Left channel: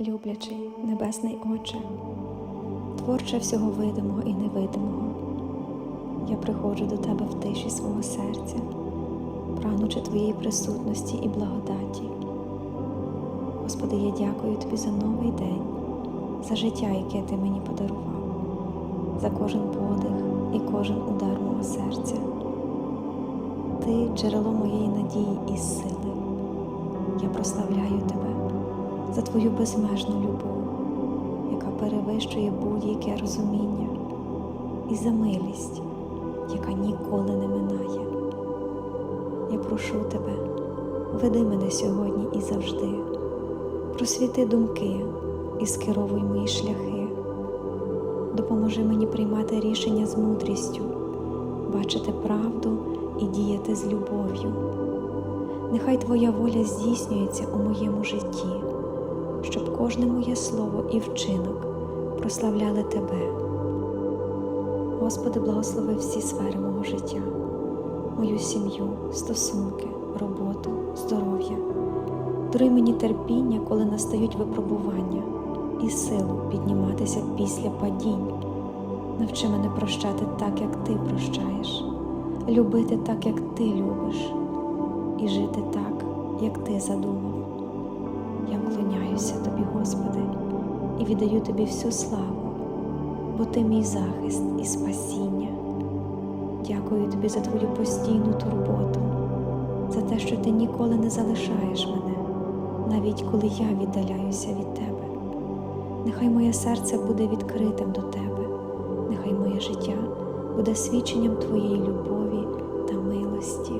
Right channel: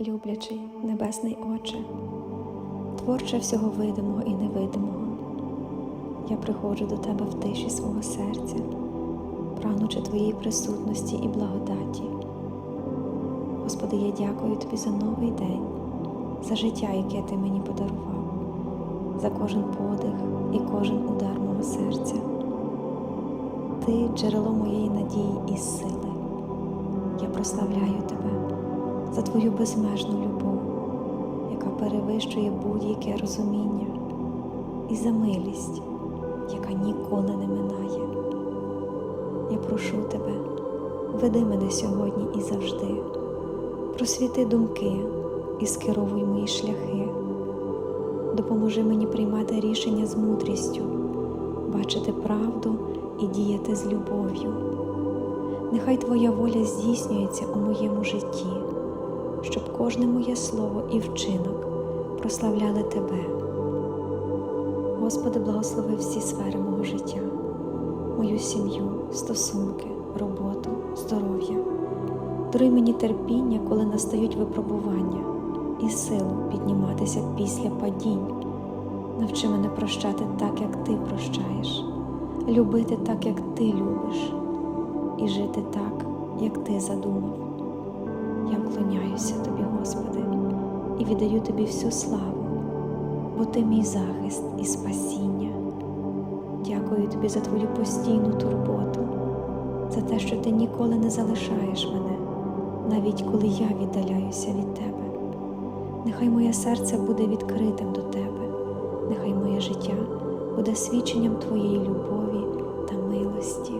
люблячий Небесний Отче, творче всього видимого і невидимого, я приходжу до Тебе в тиші свого серця, прагнучи Твоєї присутності і благодаті. Господи, я дякую Тобі за новий день, за життя, яке Ти мені подарував, за кожен подих і кожен удар мого серця. Ти джерело моєї надії і сили. Я прославляю Тебе за Твою безмежну любов, яка перевищує будь-яке розуміння, і за милість, яка ніколи не минає. Я прошу Тебе, веди мене сьогодні і завжди, просвіти думки і скеровуй мої шляхи, допоможи мені приймати рішення з мудрістю, бачити правду і діяти з любов'ю. Нехай Твоя воля здійснюється у моєму житті, щоб кожне моє слово і вчинок прославляли Тебе. Господи, благослови всі сфери мого життя, мою сім'ю, стосунки, роботу, здоров'я. Даруй мені терпіння, коли настають випробування, і силу підніматися після падінь. Навчи мене прощати так, як Ти прощаєш, любити так, як Ти любиш, і жити так, як Ти задумав. Я вклоняюся Тобі, Господи, і віддаю Тобі всю славу, бо Ти мій захист і спасіння. Дякую Тобі за Твою постійну турботу, за те, що Ти ніколи не залишаєш мене, навіть коли я віддаляюся від Тебе. Нехай моє серце буде відкритим до Тебе, нехай моє життя буде свідченням Твоєї любові та милості.